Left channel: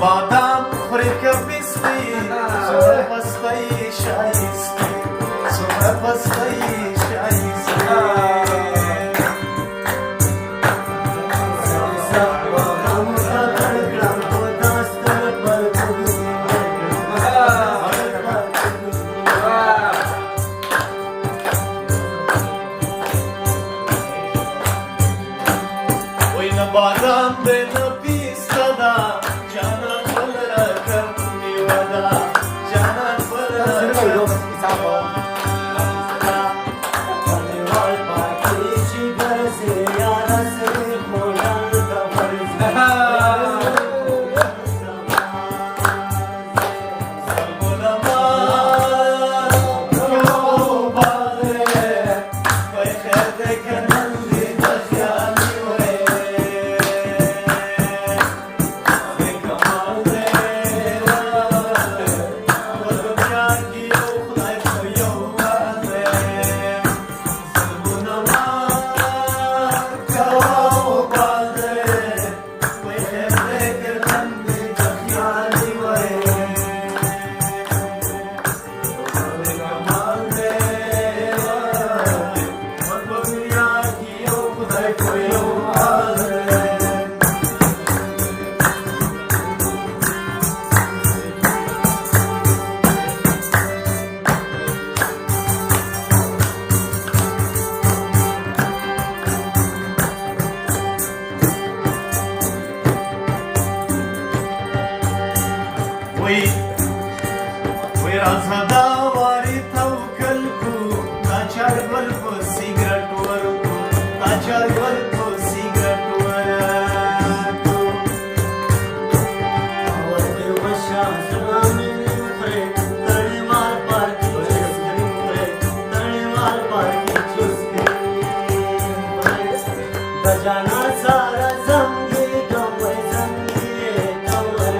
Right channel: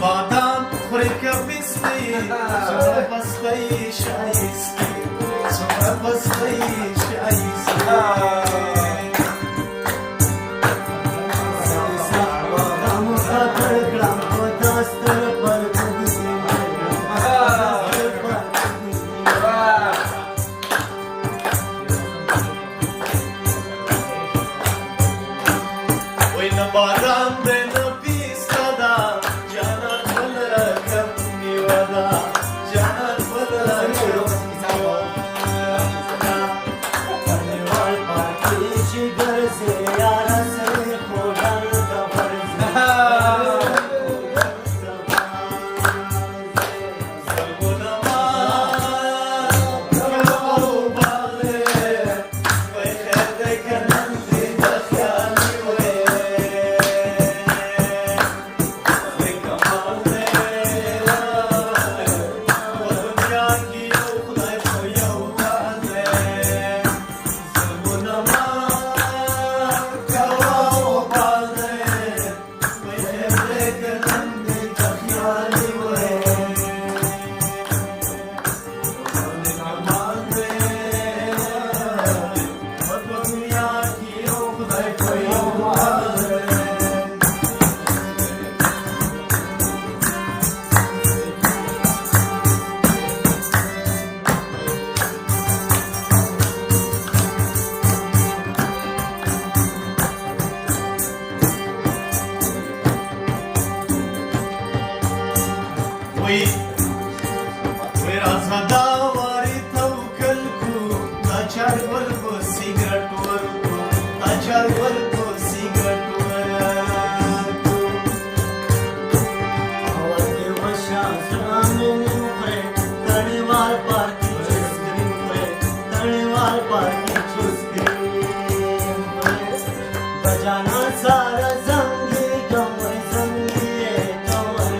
بادام خوری که بیستی سمره پستی شایستی سمره پستی شایستی وی نباران دینا پیستا دا جانان بل رکم نیودا جانان بل رکم پنیوال پاکی شگر سے یارا سے کھولن دبر سے وی رازدا واری توکل کو ناچار گل کو سیگرٹ ورکو ناچار گل کو سیگرٹ ورکو وقت وشا سلامن پرے تڑیوال پاکی چھستی پرے تڑیوال پاکی چھستی بجانا سارا زنگی کمر زنگی کمر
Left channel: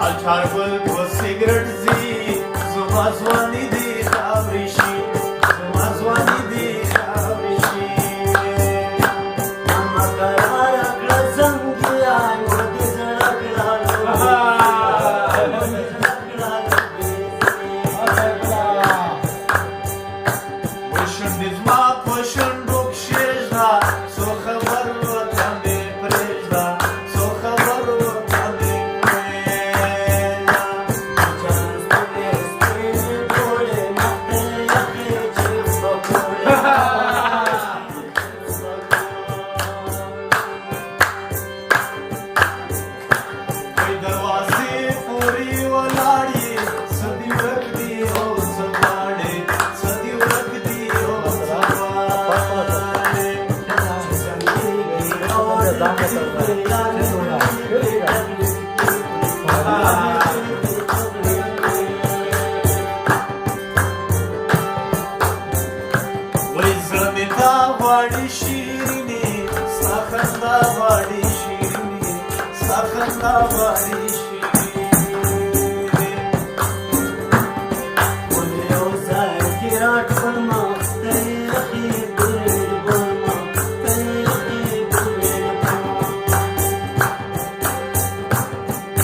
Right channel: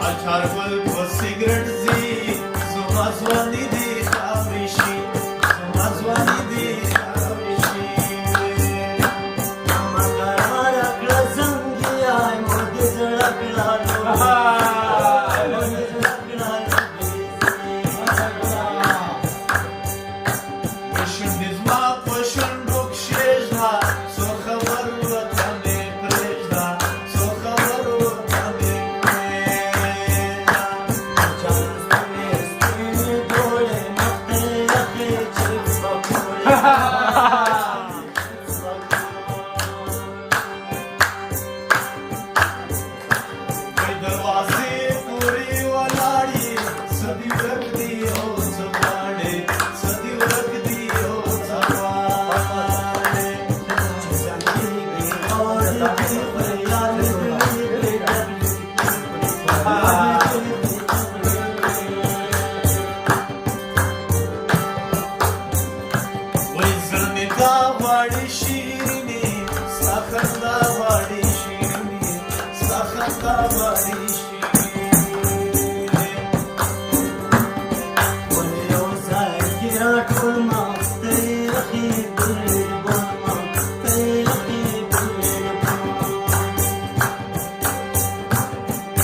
Alçar gül bu sigaret zi Zumazvani di avrişi Zumazvani di avrişi Amma karara glazangi ay modi zalakla modi zalakla Poşun dizma poşun rukşejda So khabar vatane prejda So khabar vatane दरवाजे पूरी वलाड़ी सदी रखती हो सवाड़े सदी रखती हो सवाड़े वही ज़्यादा वाली शीरनी साखंदा वाली शीरनी साखंदा वाली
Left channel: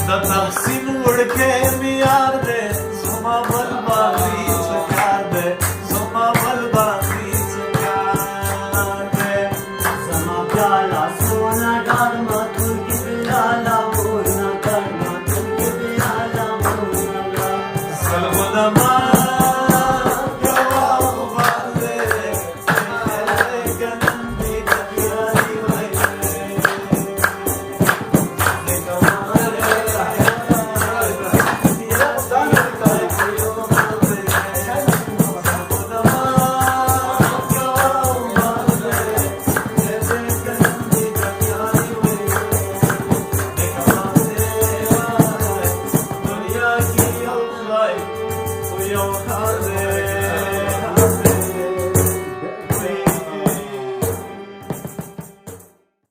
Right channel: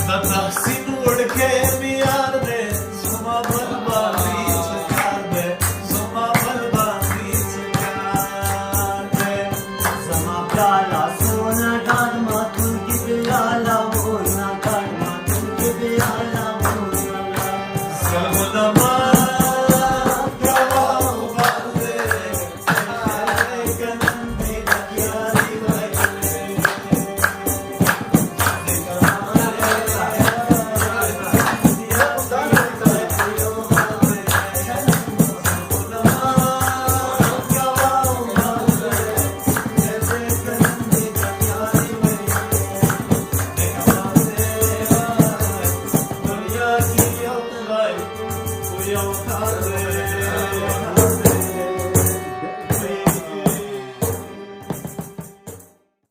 तहसीन उड़ के मियार दे जुमा बल बाजी चकार दे जुमा बल बाजी चकार दे Zama pyala